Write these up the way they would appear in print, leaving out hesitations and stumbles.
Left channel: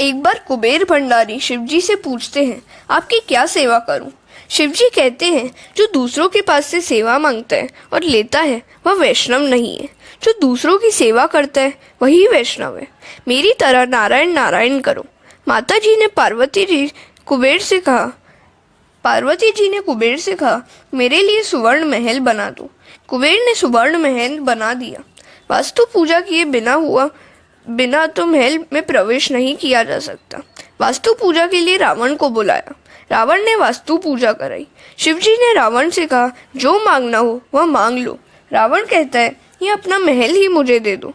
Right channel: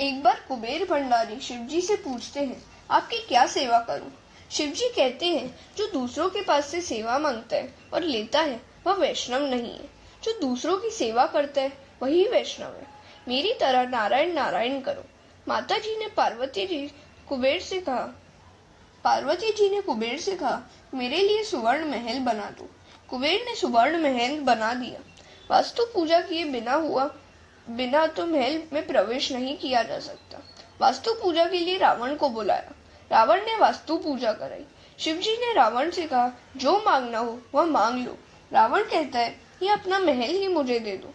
एक बार कुबेर भंडारी शिवजी से पूछते हैं, आपकी क्या सेवा करूं? शिवजी कहते हैं, जो दूसरों के पास से सेवा मांगता है और लेता है वह वैष्णव नहीं है। जो दूसरों की सेवा करता है वही वैष्णव है। मेरी तरह नारायण नारायण करो। माता जी ने पार्वती जी कुबेर से कहा, मेरे लिए सुवर्ण महल बना दो। कुबेर ने सुवर्ण महल बना दिया। वास्तु पूजा किए बिना तो महल में प्रवेश नहीं किया जा सकता। वास्तु पूजा के लिए रावण को बुलाया। रावण ने वास्तु पूजा कराई। शिवजी ने रावण से कहा, जो मांगना हो वह मांग लो। रावण कहता है, ये अपना महल ही मुझे दे दो।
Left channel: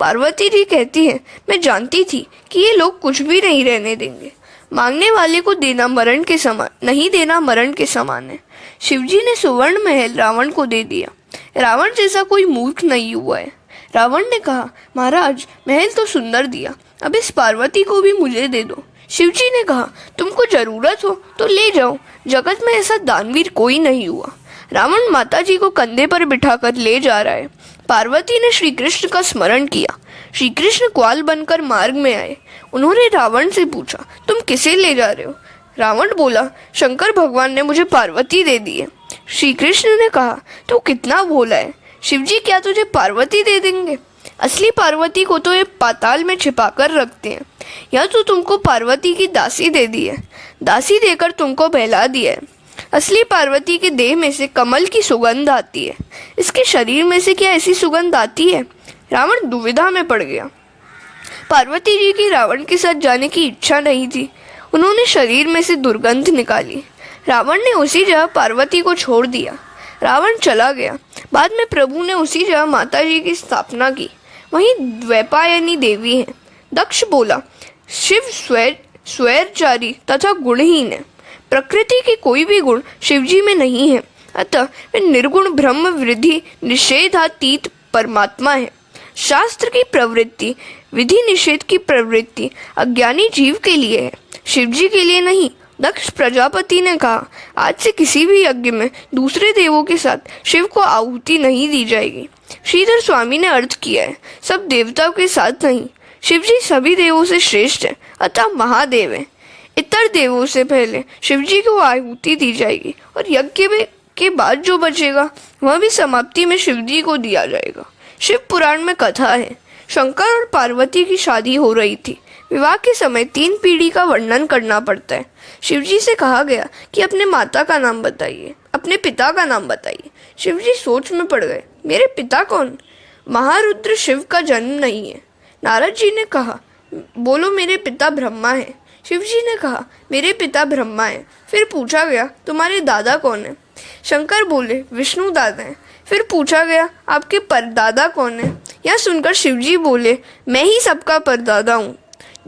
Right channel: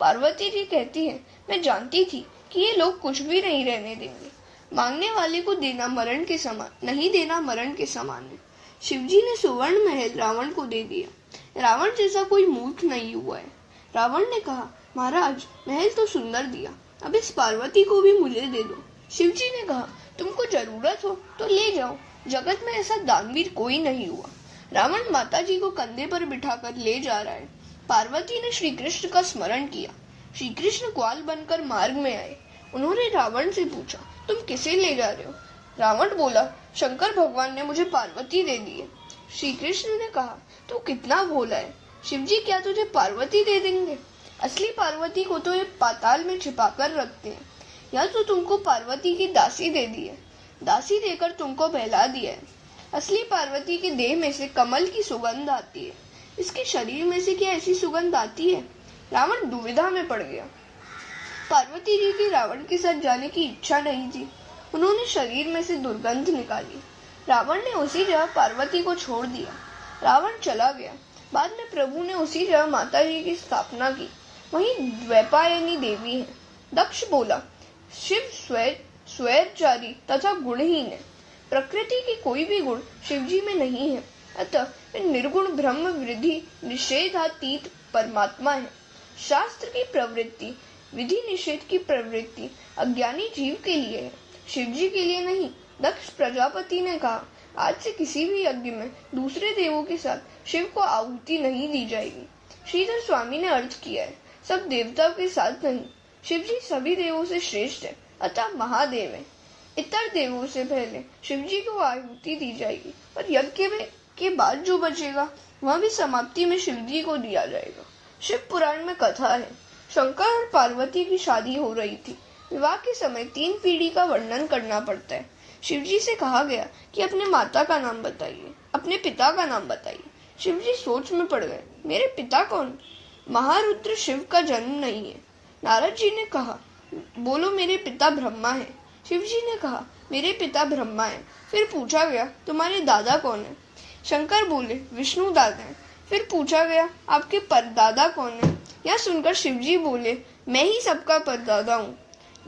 पार्वती जी कहती है, मैं जानती थी कि ये लोग कुछ भी नहीं रहने देंगे। मांगने वाले को देना मरण के समान, नहीं देना मरण के समान है। शिवजी ने सुवर्ण महल रावण को दे दिया। रावण जैसा कोई मूर्ख नहीं हुआ है। रावण ने कहा, महाराज महल तो सुंदर दिया, अब इस पार्वती को भी मुझे दे दो। शिवजी ने कहा, तुमको जरूरत हो तो ले जाओ, जगत में ऐसा दानवीर कोई नहीं हुआ। रावण माता जी को कंधे पर बिठाकर ले जा रहा है। पार्वती ने श्री कृष्ण का स्मरण किया। श्री कृष्ण ग्वाल बनकर मार्ग में आए। उन्होंने रावण से पूछा, तुम किसे ले जा रहे हो? रावण बोला, शंकर भगवान ने मुझे पार्वती दे दी है। श्री कृष्ण ने कहा, तू कितना भोला है, शिवजी क्या तुझे पार्वती दे देंगे? असली पार्वती को तो ये पाताल में छिपा कर रखते हैं। यह तो तुमको पार्वती की दासी दे दी है, दासी देकर तुमको बहला दिया है। असली पार्वती के देह में से कमल की सुगंध आती है, इसके शरीर में से क्या ऐसी सुगंध आती है? रावण दुविधा में पड़ गया। पार्वती जी की रावण के साथ जाने की इच्छा नहीं थी। उन्होंने शरीर में से दुर्गंध निकाली। रावण ने उसी जगह पार्वती को छोड़ दिया। रावण चला गया। बाद में प्रभु ने उसी जगह माता जी की स्थापना की। वहीं द्वैपायनी देवी है। दक्ष बोला, शिव स्वैरचारी तथा गुणहीन है। प्रकृति के कोई भी गुण शिवजी में नहीं है, अतः वे निर्गुण ब्रह्म वृद्धि निषेधातीत परमात्मा है। शास्त्र की प्रवृत्ति, विधि निषेध की प्रवृत्ति अज्ञानी जीव के लिए है, शिवजी के लिए नहीं। दक्ष प्रजापति ने कहा, आज से किसी भी यज्ञ में दूसरे देवों के साथ शिव को आहुति नहीं दी जाएगी। श्रीधर स्वामी ने अर्थ किया है, सब देवताओं के साथ नहीं। शिवजी सभी देवों से श्रेष्ठ है, अतः महादेव है। इतर देवों से पहले शिवजी को आहुति दी जाएगी और यज्ञ के बाद जो बचेगा वह भी समाप्ति में शिवजी को दिया जाएगा। शिव पुराण में कथा है, शंकर और पार्वती की शादी हो रही थी। विवाह के समय 3 पीढ़ी का वर्णन करना पड़ता है। शिवजी से कहा गया कि अपने माता का नाम बताइए, अपने पिता का नाम बताइए। शिवजी सोच में पड़ गए, मेरे पिता कौन? महारुद्र शिव का जन्म नहीं है। नारद जी ने कहा, बोलो मेरे पिता ब्रह्मा है। शिवजी ने कहा, मेरे पिता ब्रह्मा है। फिर पूछा गया, तुम्हारे दादा कौन है? शंकर बोले, विष्णु दादा है। फिर पूछा गया, आपके परदादा कौन है? यह सुनकर शिवजी बोले, मैं ही सबका परदादा हूँ।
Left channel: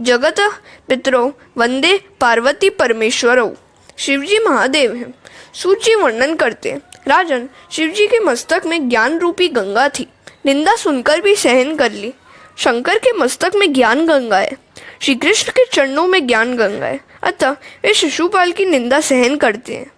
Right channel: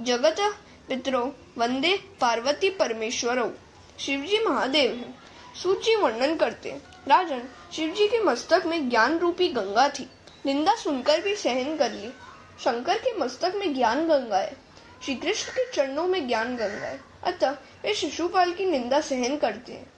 जगत पितरो वंदे पार्वती परमेश्वरों। शिवजी महादेव हैं। सूची वर्णन करते हैं, राजन, शिवजी के मस्तक में ज्ञान रूपी गंगा थी। निंदा सुनकर भी सहन कर ली। शंकर के मस्तक में ज्ञान गंगा है, श्री कृष्ण के चरणों में ज्ञान गंगा है, अतः वे शिशुपाल की निंदा सहन करते हैं।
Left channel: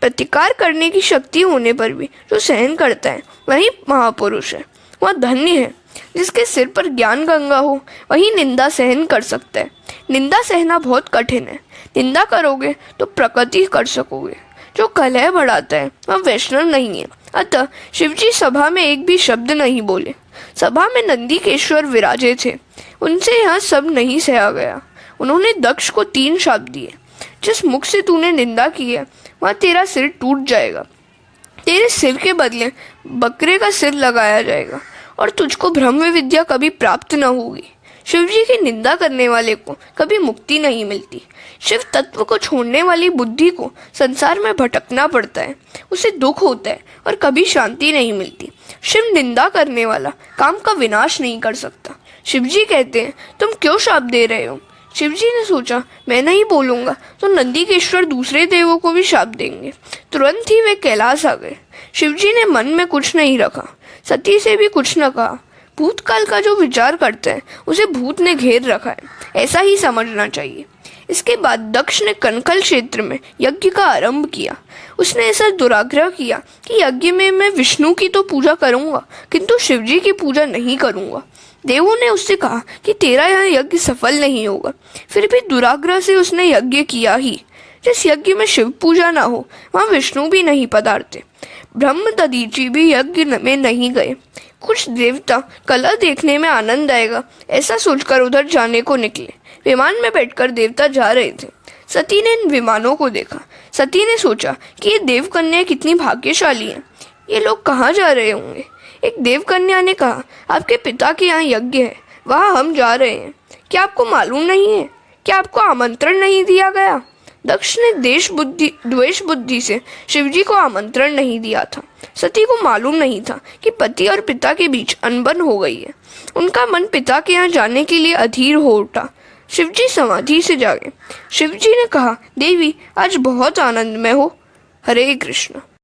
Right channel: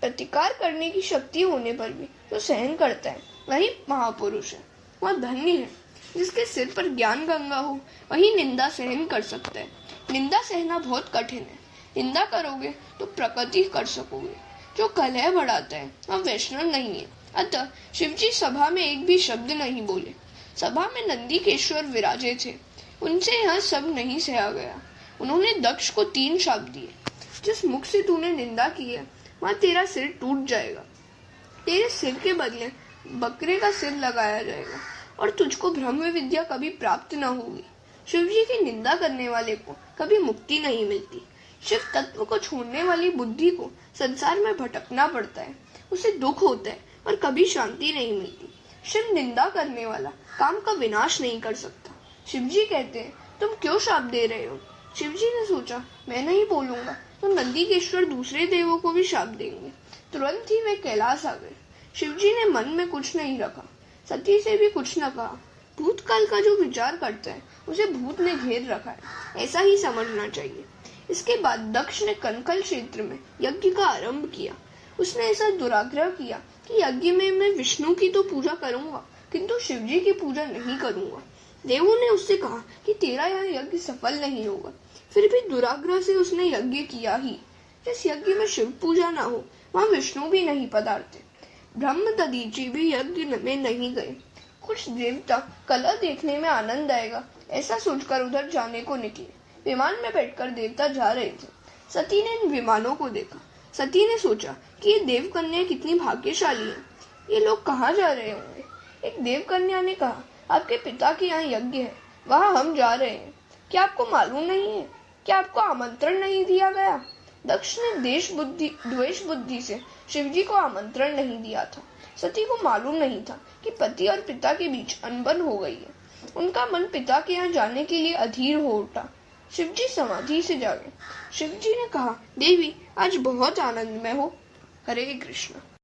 प्रतिकार करने की शक्ति होने पर भी जो सहन करता है वही महापुरुष है। वह धन्य है। जिसके सिर पर ज्ञान गंगा हो वही निंदा सहन कर सकता है। निंदा सहना बहुत कठिन है। निंदा करोगे तो प्रगति कर सकोगे। जो कलह बढ़ाता है वह वैष्णव नहीं है। अतः शिवजी सभा में एक भी शब्द नहीं बोले। सभा में नंदीकेश्वर विराजे थे, उनसे यह सब नहीं सहा गया। उन्होंने दक्ष को 3 शाप दिए, जिस मुख से तूने निंदा की है वह तेरा सिर टूट जाएगा, तेरे सिर के बदले बकरे का सिर लगाया जाएगा और तुझको ब्रह्म विद्या कभी प्राप्त न होगी। शिवजी की निंदा करने वाले को कभी मुक्ति नहीं मिलती। शिव तत्व को छोड़ने वाली बुद्धि को संसार में भटकना पड़ता है, उसे दुख होता है और कभी शांति नहीं मिलती। शिव निंदा करने वाला काम का विनाश नहीं कर सकता। शिवजी कहते हैं, तुम क्यों शाप दे रहे हो? शिवजी ने सोचा, मैं नहीं बोलूंगा तो नंदीकेश्वर दूसरे देवों को भी शाप देंगे। तुरंत ही वे कैलाश आ गए। शिवजी ने मन में कुछ नहीं रखा, सती से भी कुछ न कहा। भूतकाल का जो विचार करता है उसे भूत ने घेर रखा है, ऐसा ही समझना चाहिए। इसके बाद दक्ष ने कनकल क्षेत्र में यज्ञ का आरंभ किया। उसने ऐसा दुराग्रह किया कि यज्ञ में मैं विष्णु की तो पूजा करूंगा किंतु शिवजी की पूजा नहीं करूंगा। देवों ने उससे कहा कि तेरा यह यज्ञ सफल नहीं होगा। फिर भी दुराग्रह से उसने यज्ञ किया ही। जिस यज्ञ में शिव पूजा ना हो वहाँ विष्णु भी नहीं पधारते। ब्रह्म दधीची भी यज्ञ में नहीं गए। कुछ देवता कला देखने में आनंद आएगा ऐसा सोचकर उधर जाने को निकले। विमान में बैठकर देवता जा रहे थे। सती ने इन विमानों को देखा। सती ने सोचा कि ये देवकन्या कितनी भाग्यशाली हैं। ये लोग कहाँ जा रहे होंगे। एक देवकन्या ने कहा, आपके पिता के यहाँ यज्ञ है, वहाँ हम जा रहे हैं। क्या आपको मालूम नहीं है? क्या आपको आमंत्रण नहीं दिया गया? दक्ष ने द्वेष बुद्धि से शिवजी को आमंत्रण नहीं दिया था। सती को मालूम नहीं था कि पति और पिता के बीच अनबन हो गई है। उनका मन पिता के यहाँ जाने के लिए अधीर हो उठा। शिवजी समाधि से जागे। शिवजी ने कहा, देवी आज बहुत आनंद में हो। हरे कृष्ण।